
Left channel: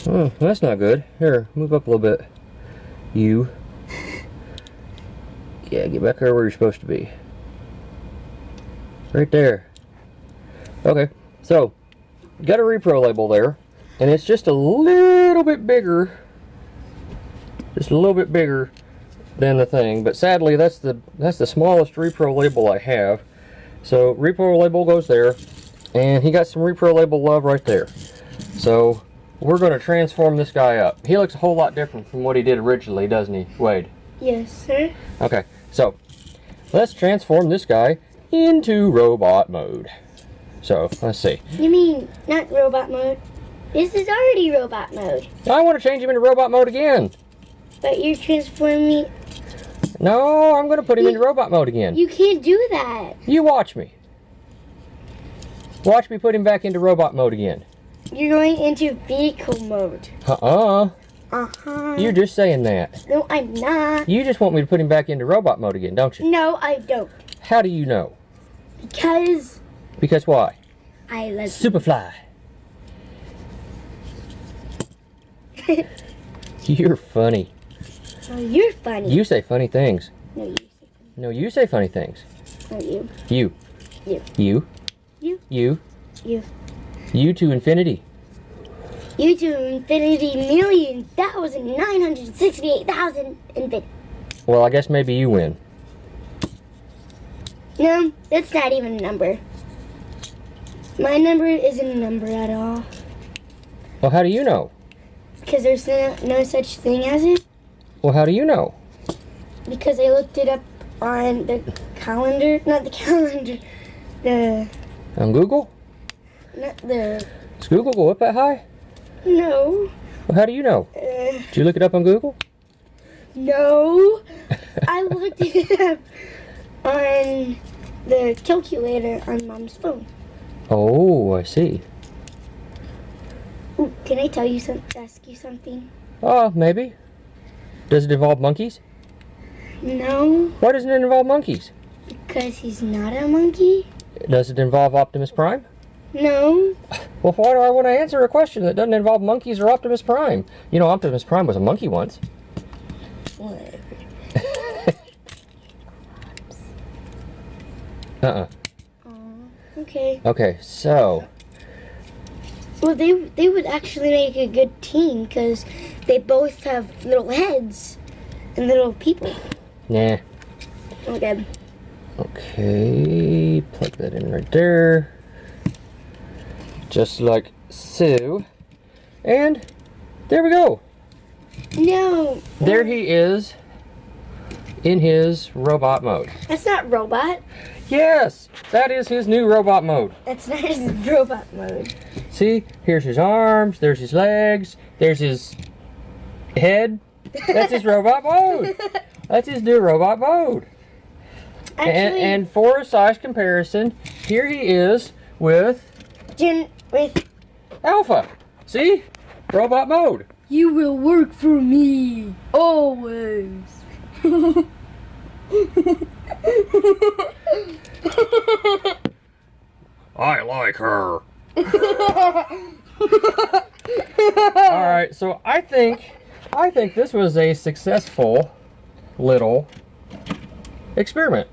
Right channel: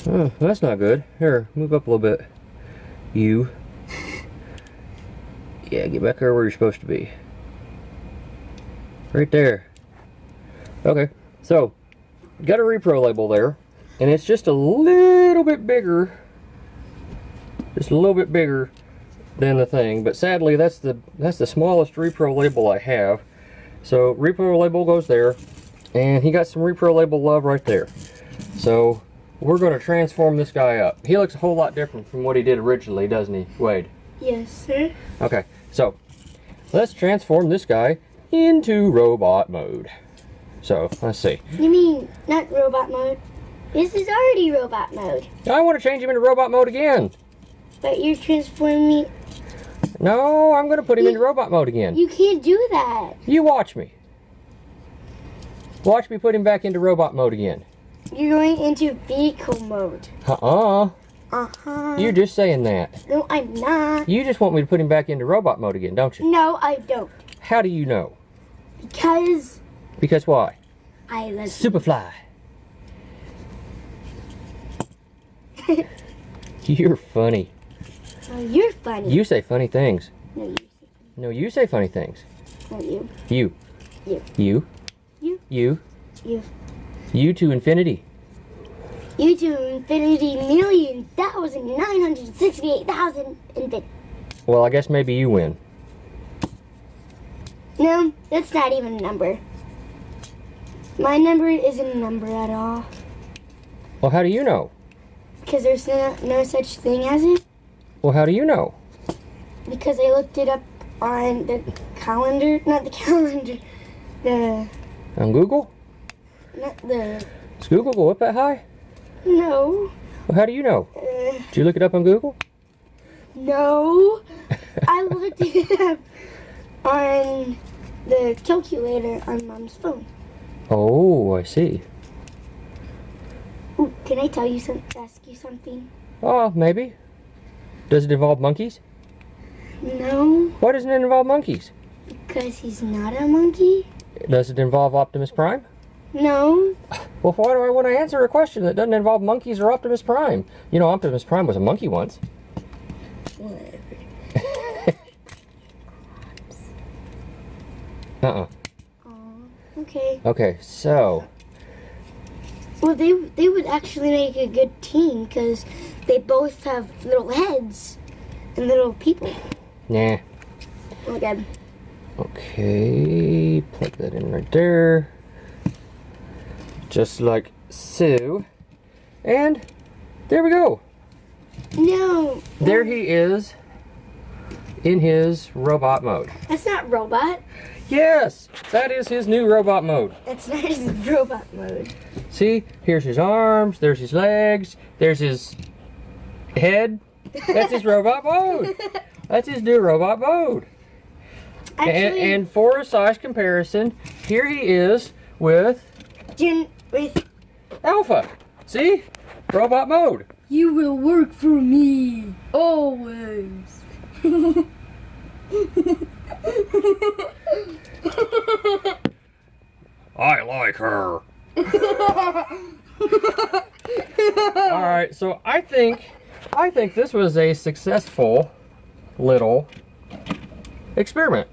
Oh, that's not good. Here, move up a little bit. You. Yeah, get back there where you're supposed to be. Right there. Okay, so, got a repro label there, and it's just a little bit bigger. Just a little bit bigger than the thing, but sadly that's the smallest repro label I have. So repro label goes there, and he got some repro label love right there. So we're going to transform this guy up. He looks a whole lot different from what he did originally, doesn't he, Wade? Yes, sir. Okay, so let's transform this guy into robot mode. So let's see. You mean not robot mode? This is already robot mode. I want to change him into robot mode again. But you're transforming me. No, I'm going to put him into robot mode again. You can't do that. You watch me. Watch me put him back into robot mode again. You're going into vehicle mode. Uh-uh. Uh-huh. You're just saying that. No, I'm not. You just want me to put him back into robot mode again, don't you? No, I don't. How do you know? Because Because why? I love Superfly. You're funny. Oh, you're funny. You say funny things. No, you say funny. No, you say funny things. No, you. You. You. You. You. You. You. You to infinity. You to infinity 1,968,000 infinity. Well, I guess maybe you win. No, that's not even a number. My number isn't a number at all. Well, how do you know? Because there's no such thing as it. Well, how do you know? Because I looked it up on the calendar. Not the calendar. The... On Google? Not the... Does Google go up that high? No. Well, how do you know? Did you look it up on Google? No. I looked it up on the calculator on Mom's phone. Oh, I see. Ooh, can I tell you ask you something? Oh, maybe. Does it involve monkeys? No, Why doesn't it involve monkeys? because he's not a monkey. Does it involve Optimus Prime? No. Well, why do I want to answer a question that doesn't involve monkeys or Optimus Prime? You know, Optimus Prime was a monkey once. Whatever. Uh-uh. Okay. Okay, so... Well, they would actually make a good team because they both have little heads and little people. Nah. Okay. Okay, plug that in right there. Just like so. And there we go. No. There he is in his robot mode. That's not robot. Yes, that is his new robot mode. That's not his robot mode. See, here's his arms, there's his legs, there's his head. That's his robot mode. That's his new robot mode. Actually, And for a size comparison, here he is with with Alpha. See? Robot mode. you will work for me always. I like her. Alright, so I think this was a successful little experiment.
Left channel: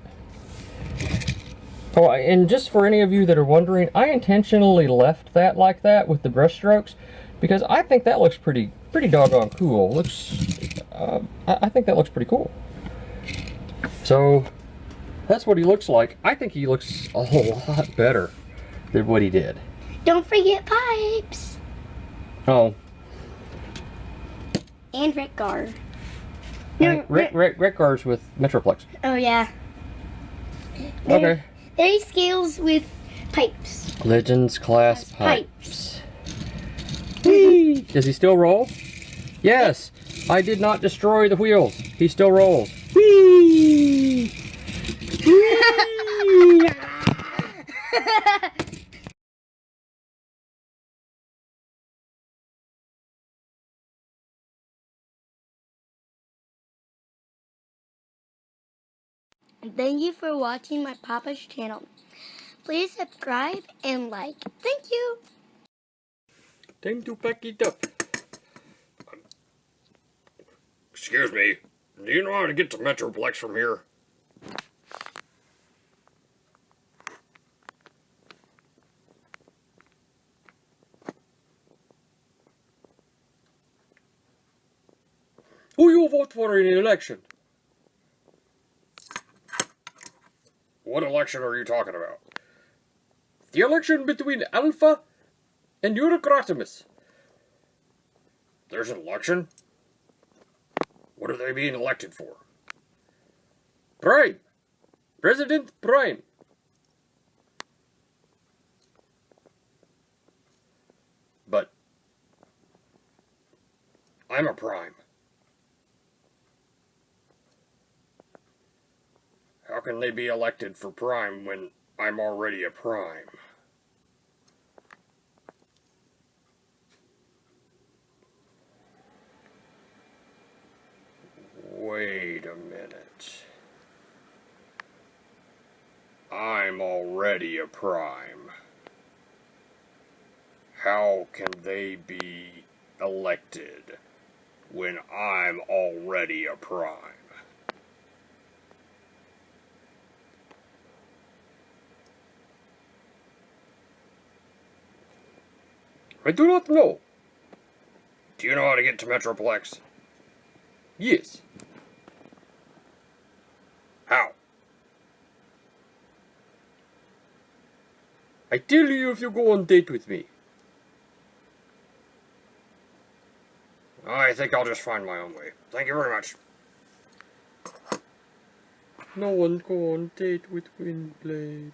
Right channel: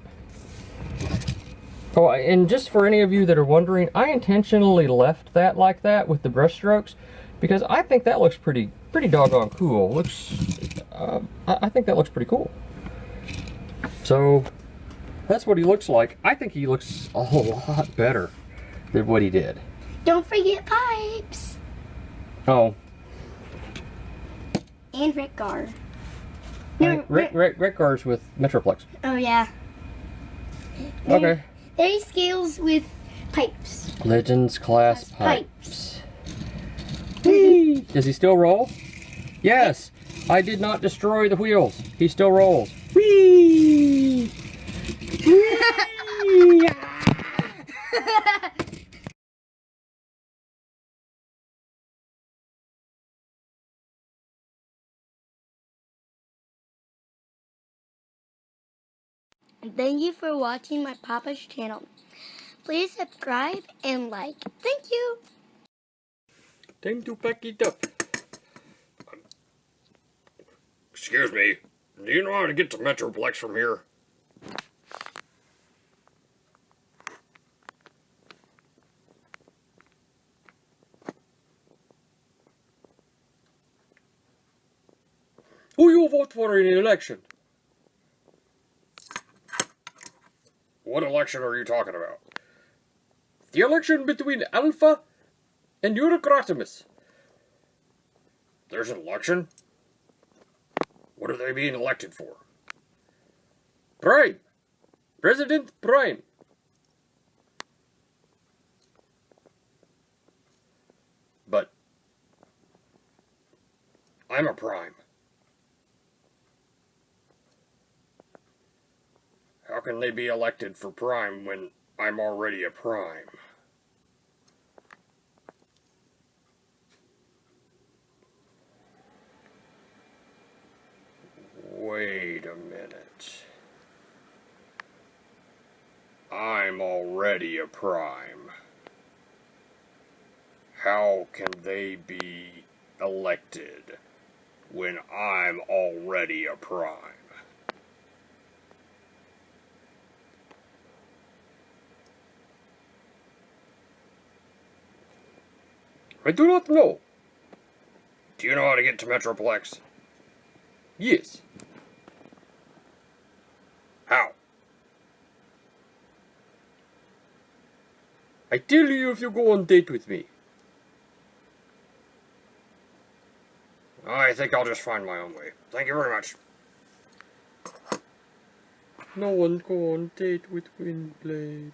Oh, and just for any of you that are wondering, I intentionally left that like that with the brush strokes because I think that looks pretty doggone cool. I think that looks pretty cool. So that's what he looks like. I think he looks a whole lot better than what he did. Don't forget pipes. Oh. And Rick Gar. Rick Gar's with Metroplex. Oh yeah. Okay. There scales with pipes. Legends class pipes. Whee! Does he still roll? Yes. I did not destroy the wheels. He still rolls. Whee! Whee! Thank you for watching my Papa's channel. Please subscribe and like. Thank you. Time to pack it up. Excuse me, do you know how to get to Metroplex from here? Who you vote for in the election? What election are you talking about? The election between Alpha and Eurocratimus. There's an election? What are they being elected for? Prime. President Prime. But I'm a Prime. How can they be elected for Prime when I'm already a Prime? Wait a minute. I'm already a Prime. How can they be elected when I'm already a Prime? I do not know. Do you know how to get to Metroplex? Yes. How? I tell you if you go on a date with me. I think I'll just find my own way. Thank you very much. No one go on a date with Windblade.